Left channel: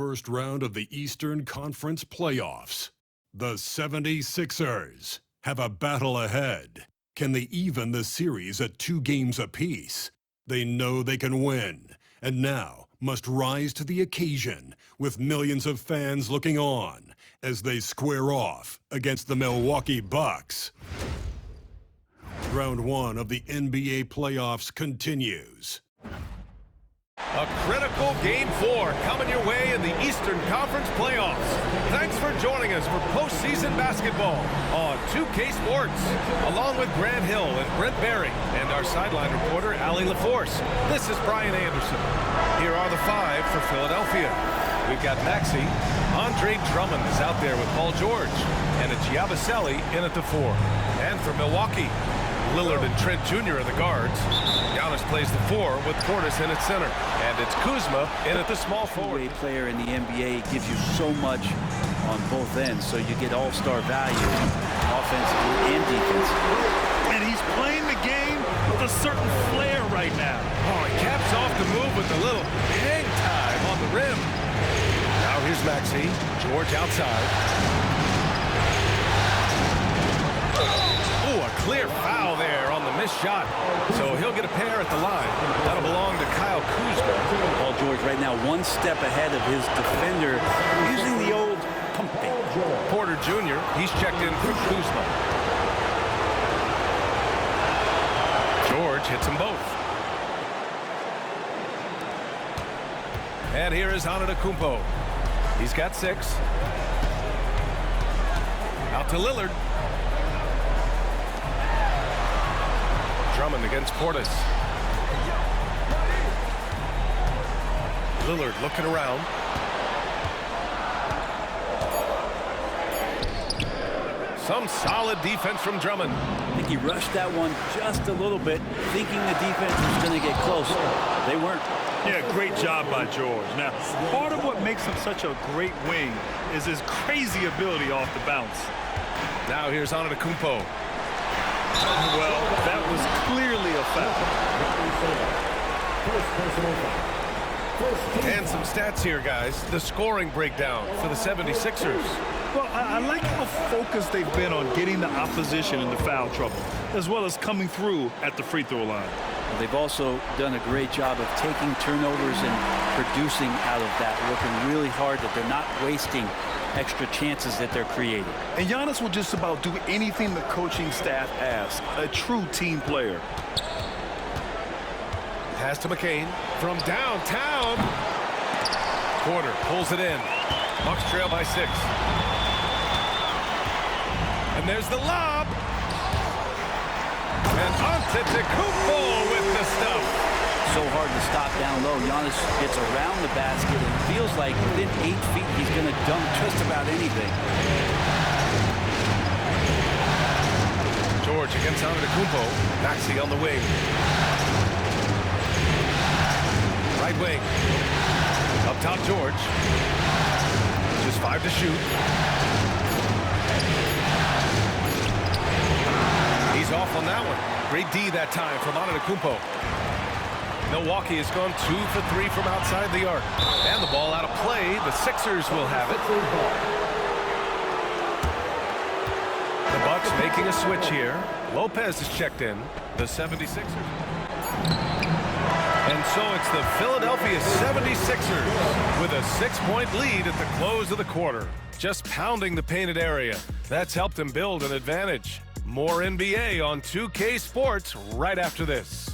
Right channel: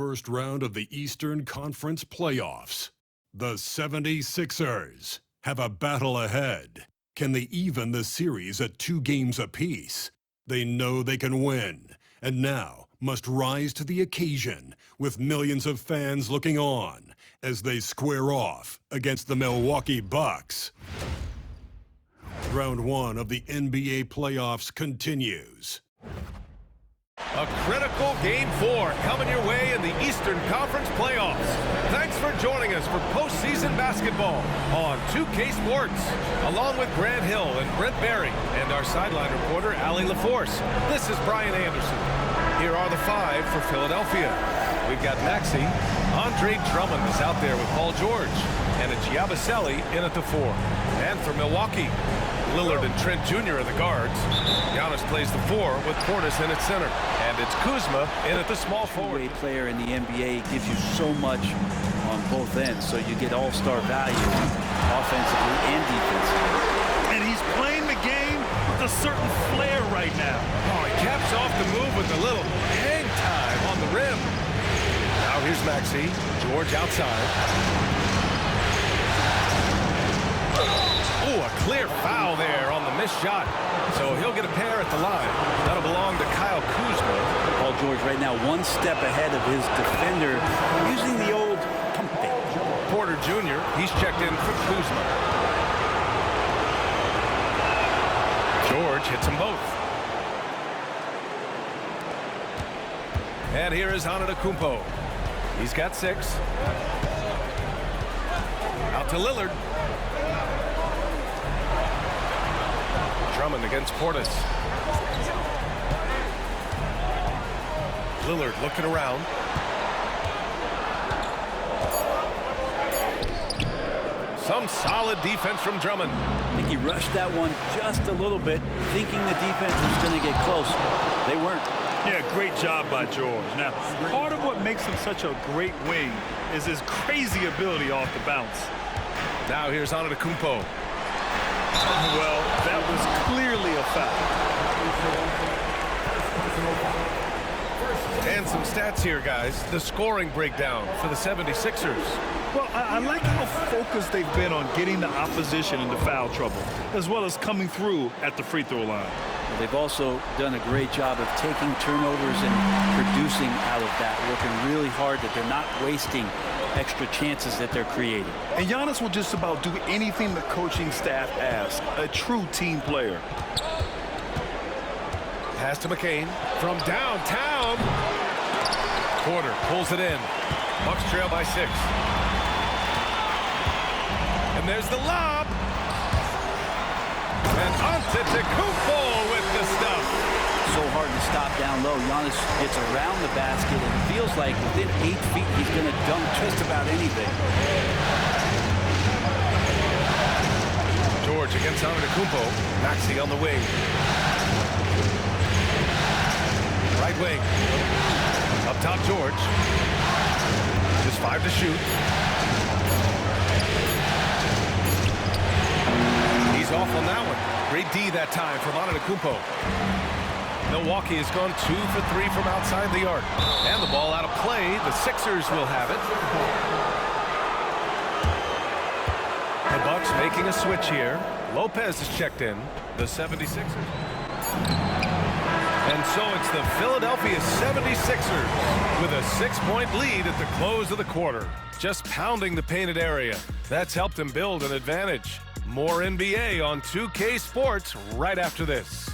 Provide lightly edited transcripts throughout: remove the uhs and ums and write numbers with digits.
first round of the Eastern Conference playoffs. The 76ers have a battle ahead. Can they even the series at 2 games apiece? They know they can win, and now must rise to the occasion with millions of fans looking on as they square off against the Milwaukee Bucks. Round 1 of the NBA playoffs continues. A critical Game 4 coming your way in the Eastern Conference playoffs. Thanks for joining us for postseason basketball on 2K Sports. Along with Grant Hill and Brent Barry and our sideline reporter, Allie LaForce. This is Brian Anderson. Here are the 5 for Philadelphia. We've got Maxey. Andre Drummond is out there with Paul George. And it's Yabusele in at the 4. And for Milwaukee, Lillard and Trent Jr. are the guards. Giannis plays the 4 with Portis in at center. And it's Kuzma in at the small forward. Two-way player in the NBA gives you so much on both ends, so you get all-star value offensively and defensively. And he's playing the game with a certain flair right now. Oh, he caps off the move with a little hang time on the rim. Now here's Maxey. George outside. Oh, a clear foul there on the missed shot. So he'll get a pair at the line. That'll belong to Kyle Kuzma. Paul George right now 1 step ahead of his defender using the old pump fake. Porter Jr., he's checked in for Kuzma. George hits them both. And here is Antetokounmpo. He's got 6. Out to Lillard. Drummond against Portis. Lillard looking around. Some solid defense from Drummond. I think he rushed that one just a little bit, thinking the defense was going to get close. They weren't. Yeah, great job by George. Now, part of what makes him such a great wing is his crazy ability off the bounce. Now here's Antetokounmpo. Well, that was clearly a foul. And some stats here, guys. The scoring breakdown for the 76ers. Well, I like how focused they've been on getting the opposition into foul trouble, as well as coming through at the free throw line. Well, they've also done a great job of taking turnovers and producing out of that, working really hard that they're not wasting extra chances that they're creating. And Giannis will just about do anything the coaching staff asks. A true team player. Pass to McCain from downtown. Porter pulls it in. Bucks trail by 6. And there's the lob. And Antetokounmpo with the stuff. So hard to stop down low. Giannis gets around the basket and it feels like within 8 feet he's going to dunk just about anything. George against Antetokounmpo. Maxey on the wing. Right wing. Up top, George. Just 5 to shoot. He's off on that one. Great D that time from Antetokounmpo. Milwaukee has gone 2 for 3 from outside the arc. And the ball out of play. The Sixers will have it. The Bucks making a switch here. Lopez is checked in. The 76ers. And so it's the Philadelphia 76ers with a 6-point lead at the close of the quarter. Just pounding the painted area. That's helped them build an advantage. More NBA on 2K Sports right after this.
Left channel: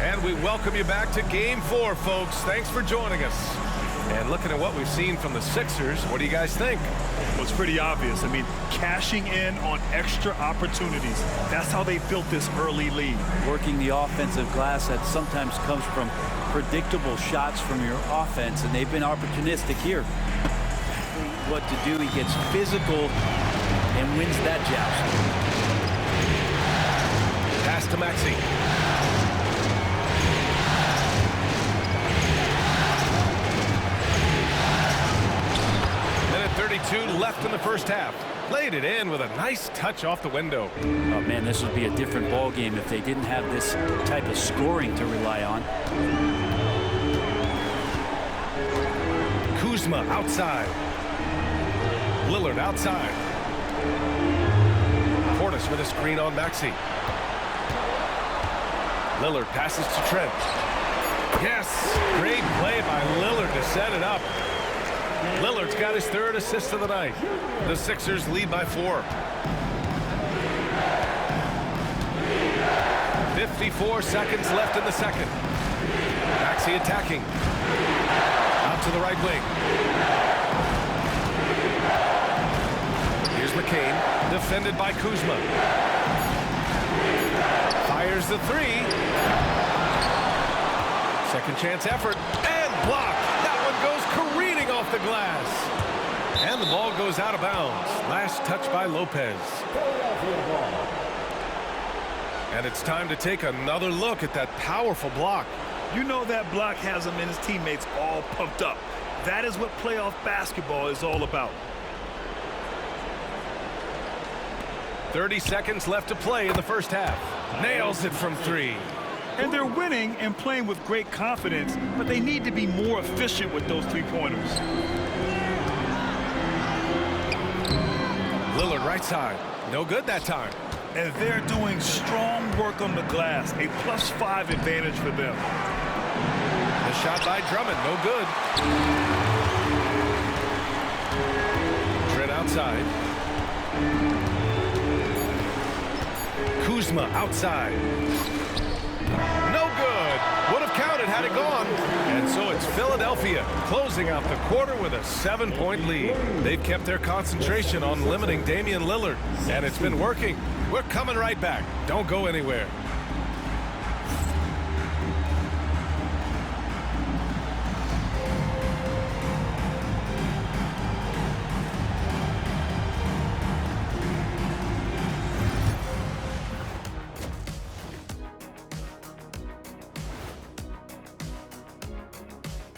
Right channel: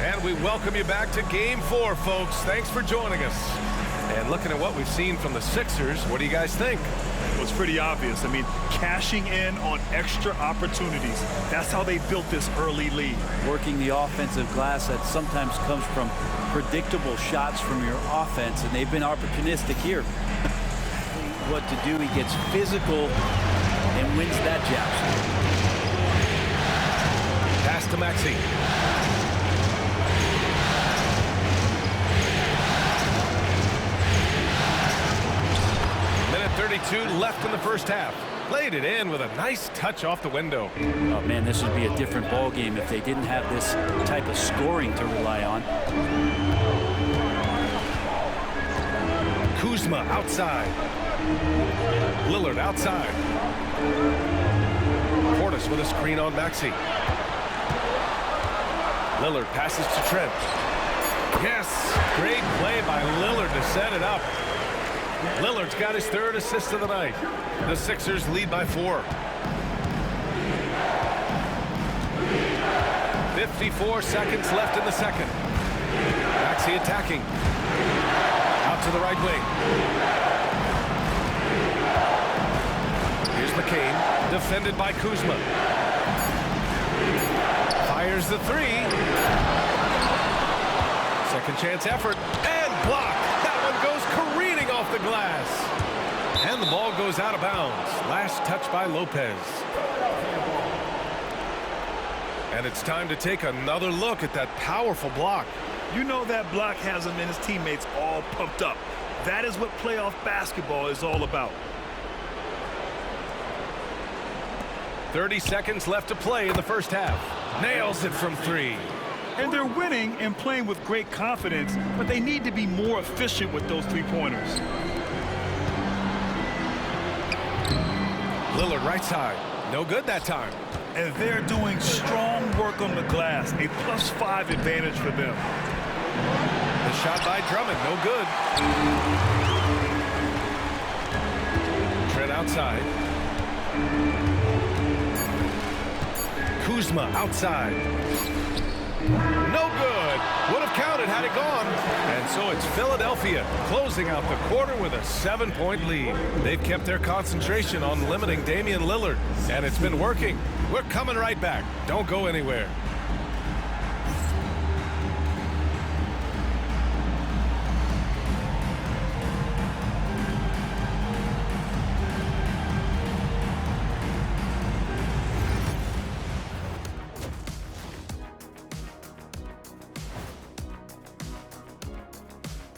And we welcome you back to Game 4, folks. Thanks for joining us. And looking at what we've seen from the Sixers, what do you guys think? Well, it's pretty obvious. I mean, cashing in on extra opportunities. That's how they built this early lead. Working the offensive glass that sometimes comes from predictable shots from your offense, and they've been opportunistic here. What to do, he gets physical and wins that joust. Pass to Maxey. 4:32 left in the first half. Laid it in with a nice touch off the window. Oh man, this would be a different ball game if they didn't have this type of scoring to rely on. Kuzma outside. Lillard outside. Portis with a screen on Maxey. Lillard passes to Trent. Yes, great play by Lillard to set it up. Lillard's got his third assist of the night. The Sixers lead by 4. 54 seconds left in the second. Maxey attacking. Out to the right wing. Here's McCain, defended by Kuzma. Fires the 3. Second chance effort, and blocked. That one goes careening off the glass. And the ball goes out of bounds. Last touch by Lopez. And it's time to take another look at that powerful block. You know that block has him and his teammates all pumped up. That is what playoff basketball is all about. 30 seconds left to play in the first half. Nails it from 3. And they're winning and playing with great confidence, but they need to be more efficient with those three-pointers. Lillard right side. No good that time. And they're doing strong work on the glass, a +5 advantage for them. The shot by Drummond, no good. Trent outside. Kuzma outside. No good. Would have counted had it gone. And so it's Philadelphia closing out the quarter with a 7-point lead. They've kept their concentration on limiting Damian Lillard, and it's been working. We're coming right back. Don't go anywhere.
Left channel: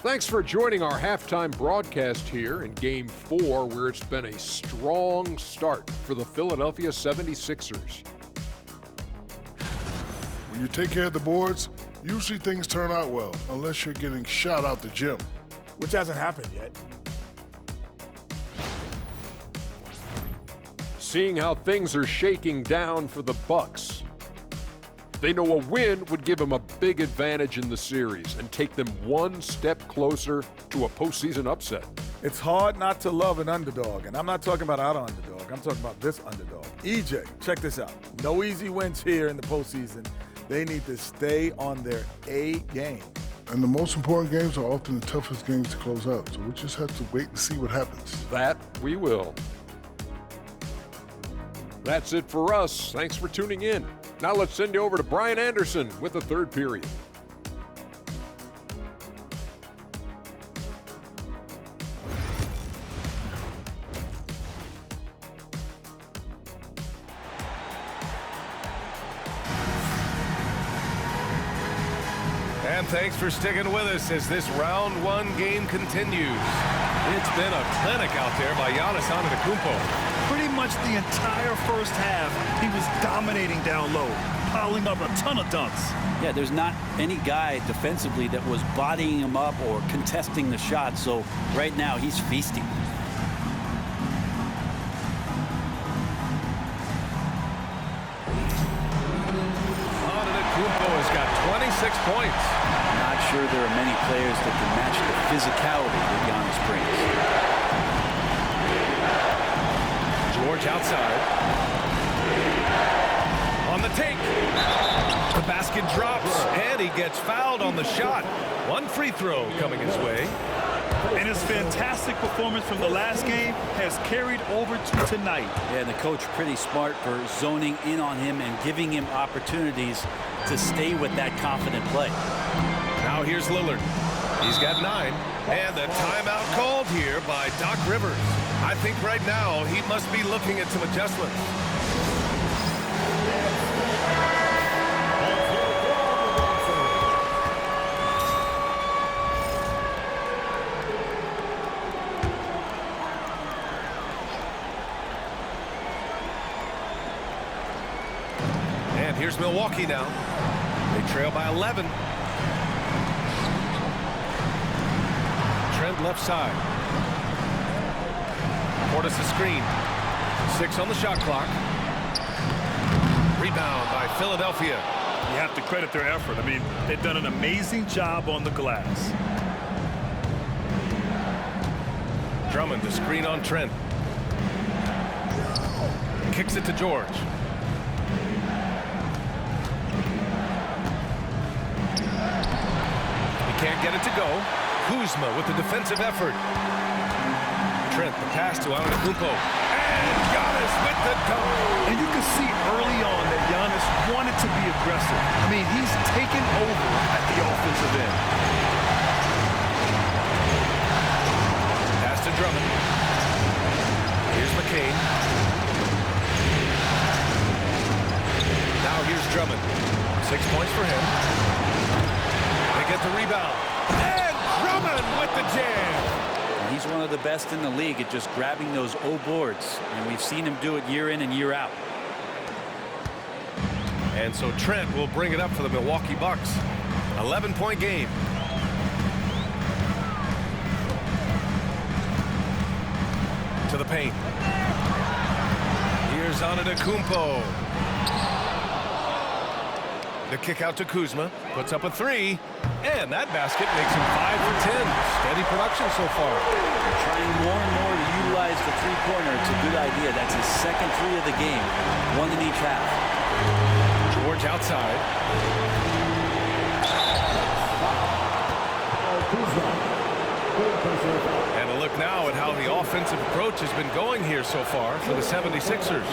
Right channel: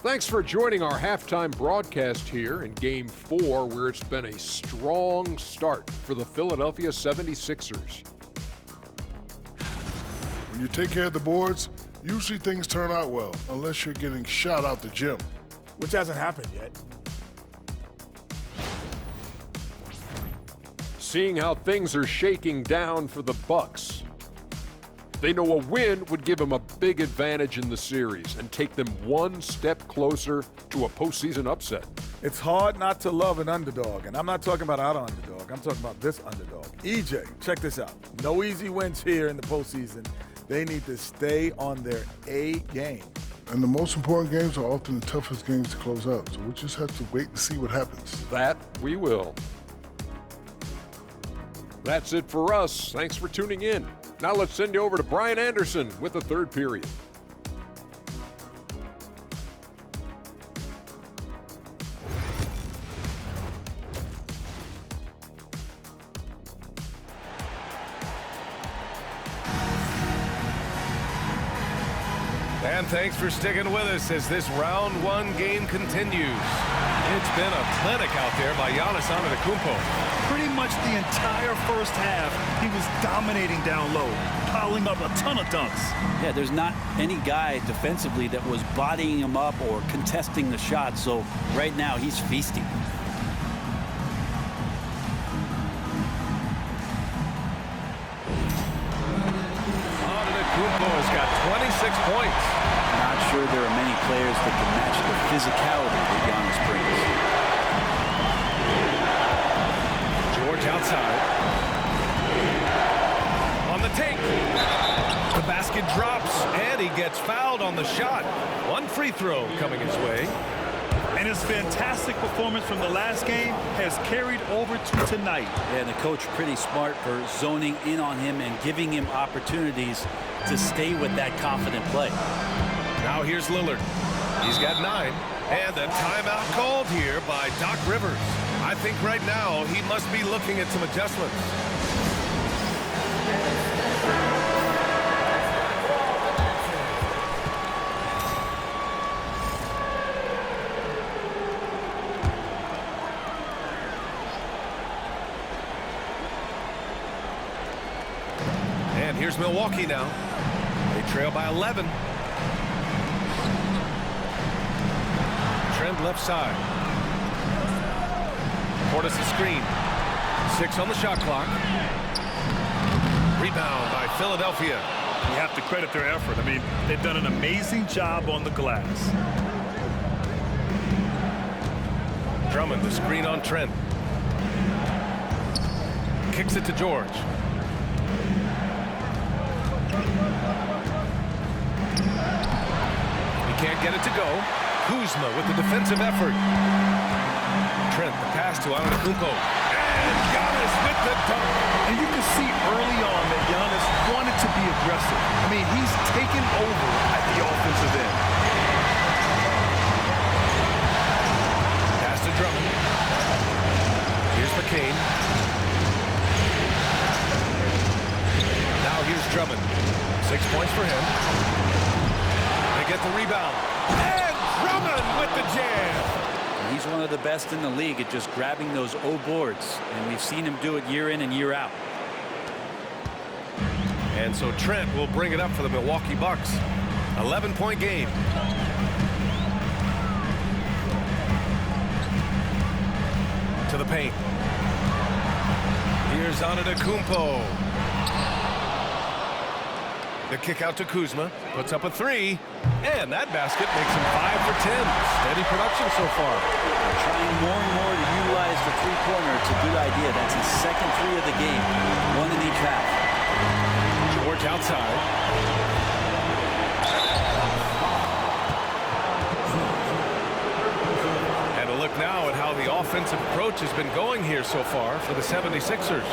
Thanks for joining our halftime broadcast here in Game 4, where it's been a strong start for the Philadelphia 76ers. When you take care of the boards, usually things turn out well, unless you're getting shot out the gym. Which hasn't happened yet. Seeing how things are shaking down for the Bucks, they know a win would give them a big advantage in the series and take them one step closer to a postseason upset. It's hard not to love an underdog, and I'm not talking about our underdog. I'm talking about this underdog. EJ, check this out. No easy wins here in the postseason. They need to stay on their A game. And the most important games are often the toughest games to close out, so we just have to wait and see what happens. That we will. That's it for us. Thanks for tuning in. Now let's send you over to Brian Anderson with the third period. And thanks for sticking with us as this round 1 game continues. It's been a clinic out there by Giannis Antetokounmpo. Pretty much the entire first half, he was dominating down low, piling up a ton of dunks. Yeah, there's not any guy defensively that was bodying him up or contesting the shot, so right now he's feasting. Antetokounmpo has got 26 points. Not sure there are many players that can match the physicality that Giannis brings. George outside. On the take. The basket drops, and he gets fouled on the shot. One free throw coming his way. And his fantastic performance from the last game has carried over to tonight. Yeah, and the coach pretty smart for zoning in on him and giving him opportunities to stay with that confident play. Now here's Lillard. He's got 9. And a timeout called here by Doc Rivers. I think right now he must be looking at some adjustments. And here's Milwaukee now. They trail by 11. Trent left side. Portis the screen. 6 on the shot clock. Rebound by Philadelphia. You have to credit their effort. I mean, they've done an amazing job on the glass. Drummond the screen on Trent. Kicks it to George. He can't get it to go. Kuzma with the defensive effort. Trent the pass to Antetokounmpo. And Giannis with the dunk. And you can see early on that Giannis wanted to be aggressive. I mean, he's taken over at the offensive end. Pass to Drummond. Here's McCain. Now here's Drummond. 6 points for him. They get the rebound. And Drummond with the jam. And he's one of the best in the league at just grabbing those O boards. And we've seen him do it year in and year out. And so Trent will bring it up for the Milwaukee Bucks. 11-point game. To the paint. Here's Antetokounmpo. The kick out to Kuzma. Puts up a 3. And that basket makes him 5 for 10. Steady production so far. They're trying more and more to utilize the three-pointer. It's a good idea. That's his second 3 of the game. 1 in each half. George outside. And a look now at how the offensive approach has been going here so far for the 76ers.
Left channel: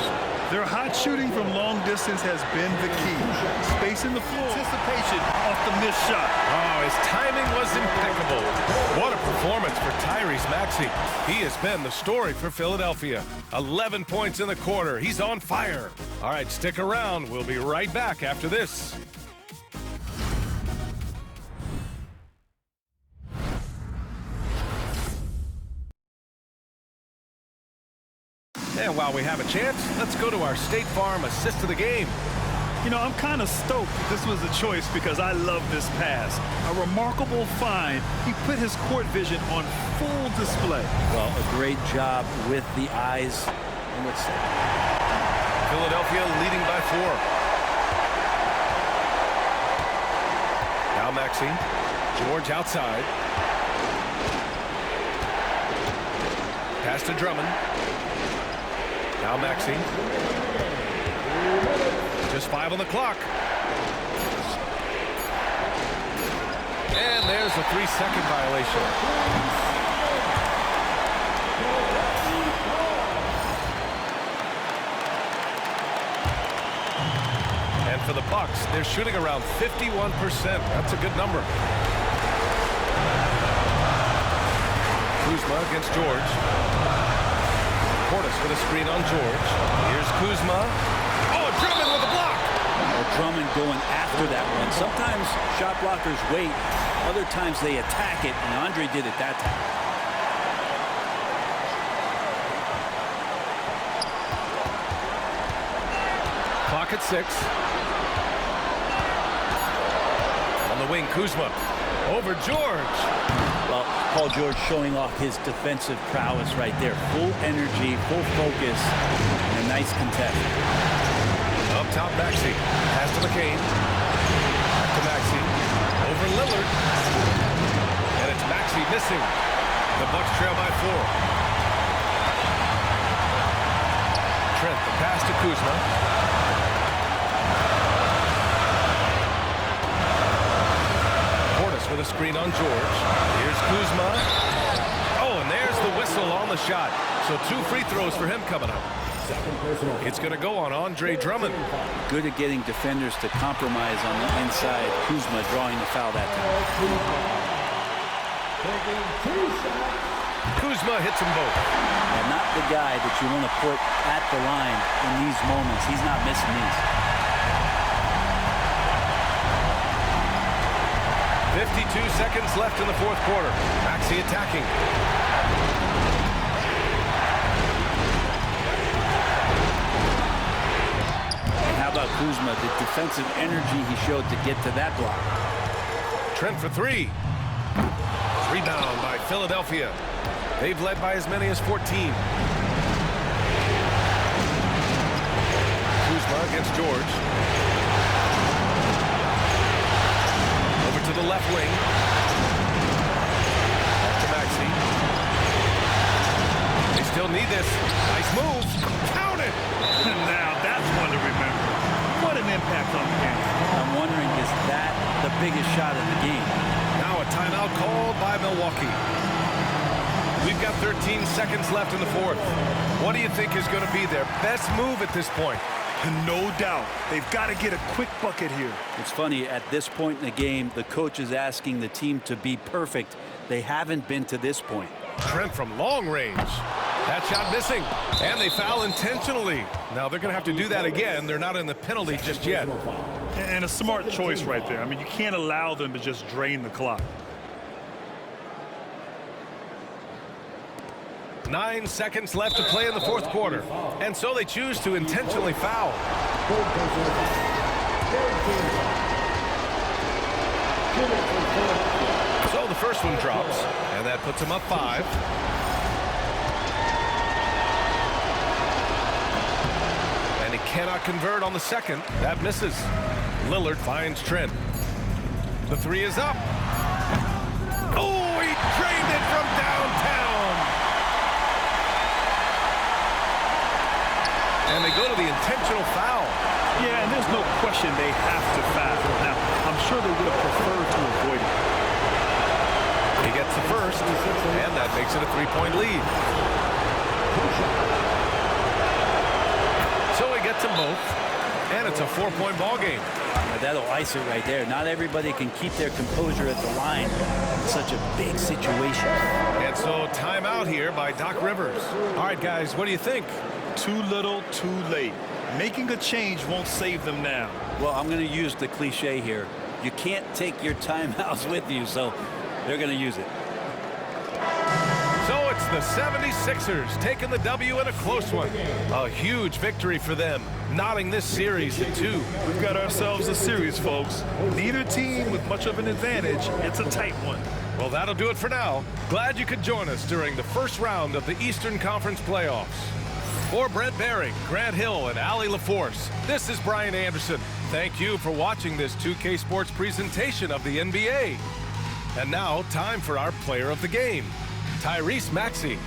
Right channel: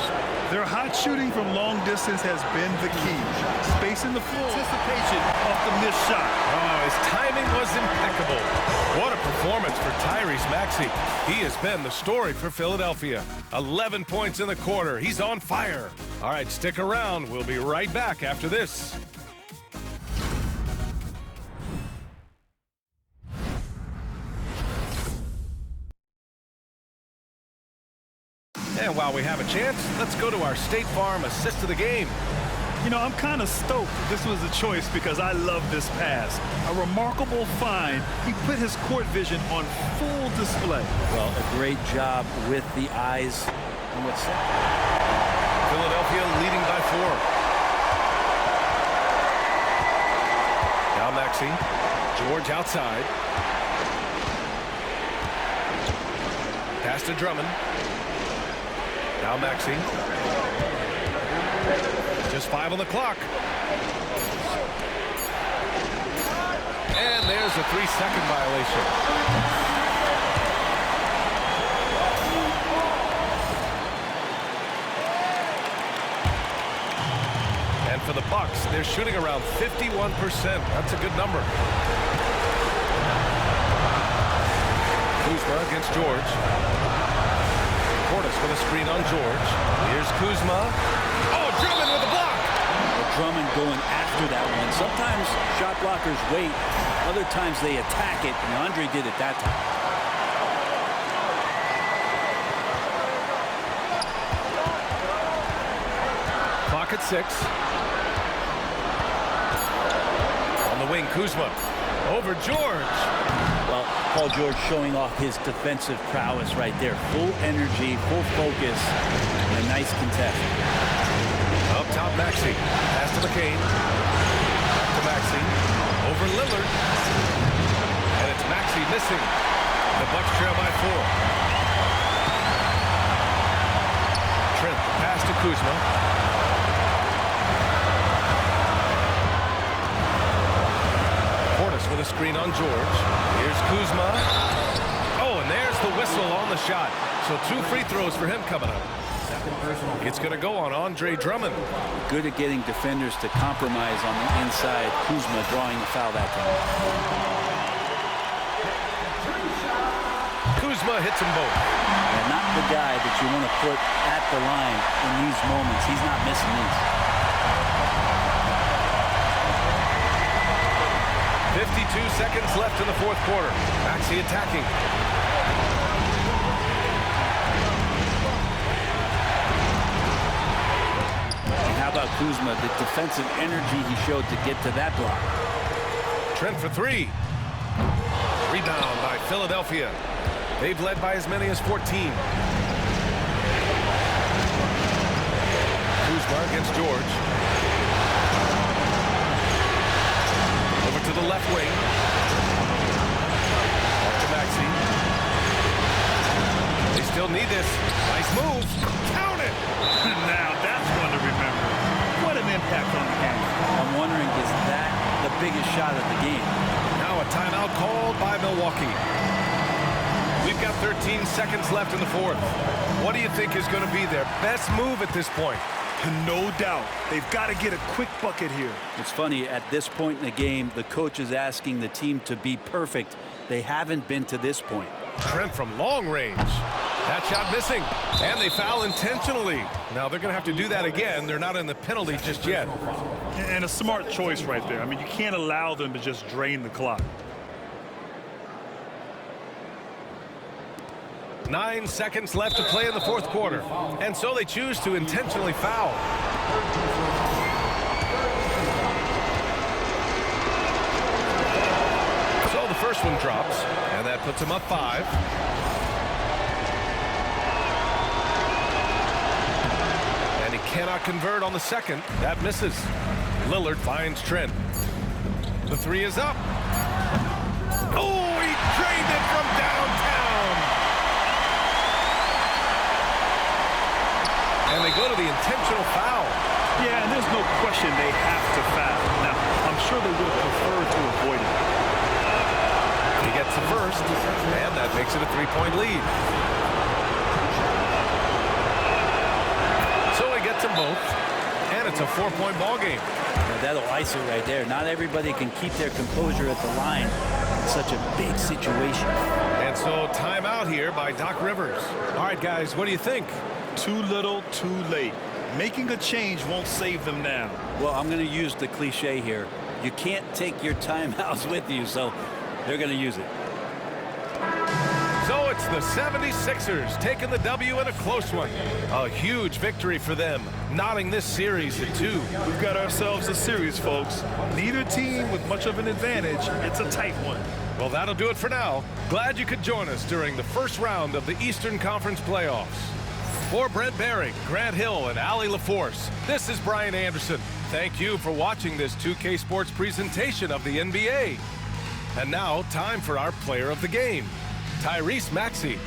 Their hot shooting from long distance has been the key. Spacing the floor. Anticipation off the missed shot. Oh, his timing was impeccable. What a performance for Tyrese Maxey. He has been the story for Philadelphia. 11 points in the quarter. He's on fire. All right, stick around. We'll be right back after this. And while we have a chance, let's go to our State Farm assist of the game. You know, I'm kind of stoked that this was a choice because I love this pass. A remarkable find. He put his court vision on full display. Well, a great job with the eyes and what's set. Philadelphia leading by 4. Now Maxey. George outside. Pass to Drummond. Now Maxey. Just 5 on the clock. And there's a 3-second violation. And for the Bucks, they're shooting around 51%. That's a good number. Kuzma against George. Portis with a screen on George. Here's Kuzma. Oh, Drummond with a block. Well, Drummond going after that one. Sometimes shot blockers wait. Other times they attack it, and Andre did it that time. Clock at 6. On the wing, Kuzma. Over George. Well, Paul George showing off his defensive prowess right there. Full energy, full focus, and a nice contest. Up top, Maxey. Pass to McCain. Back to Maxey. Over Lillard. And it's Maxey missing. The Bucks trail by 4. Trent, the pass to Kuzma. Portis with a screen on George. Here's Kuzma. Oh, and there's the whistle on the shot. So 2 free throws for him coming up. It's going to go on Andre Drummond. Good at getting defenders to compromise on the inside. Kuzma drawing the foul that time. Kuzma hits them both. Yeah, not the guy that you want to put at the line in these moments. He's not missing these. 52 seconds left in the 4th quarter. Maxey attacking. And how How about Kuzma, the defensive energy he showed to get to that block. Trent for three. Rebound by Philadelphia. They've led by as many as 14. Kuzma against George. Over to the left wing. Off to Maxey. They still need this. Nice move. Count it. Now that's one to remember. What an impact on the game. I'm wondering, is that the biggest shot of the game? Now a timeout called by Milwaukee. We've got 13 seconds left in the fourth. What do you think is going to be their best move at this point? No doubt. They've got to get a quick bucket here. It's funny, at this point in the game, the coach is asking the team to be perfect. They haven't been to this point. Trent from long range. That shot missing. And they foul intentionally. Now they're going to have to do that again. They're not in the penalty just yet. And a smart choice right there. I mean, you can't allow them to just drain the clock. 9 seconds left to play in the fourth quarter. And so they choose to intentionally foul. So the first one drops, and that puts them up 5. And he cannot convert on the second. That misses. Lillard finds Trent. The three is up. Oh, he drained it from downtown. And they go to the intentional foul. Yeah, and there's no question they have to foul. Now, I'm sure they would have preferred to avoid it. He gets the first, and that makes it a 3-point lead. So he gets them both, and it's a 4-point ball game. Yeah, that'll ice it right there. Not everybody can keep their composure at the line in such a big situation. And so timeout here by Doc Rivers. All right, guys, what do you think? Too little, too late. Making a change won't save them now. Well, I'm going to use the cliche here. You can't take your timeouts with you, so they're going to use it. So it's the 76ers taking the W in a close one. A huge victory for them, knotting this series at 2. We've got ourselves a series, folks. Neither team with much of an advantage. It's a tight one. Well, that'll do it for now. Glad you could join us during the first round of the Eastern Conference playoffs. For Brent Barry, Grant Hill, and Allie LaForce, this is Brian Anderson. Thank you for watching this 2K Sports presentation of the NBA. And now, time for our player of the game, Tyrese Maxey.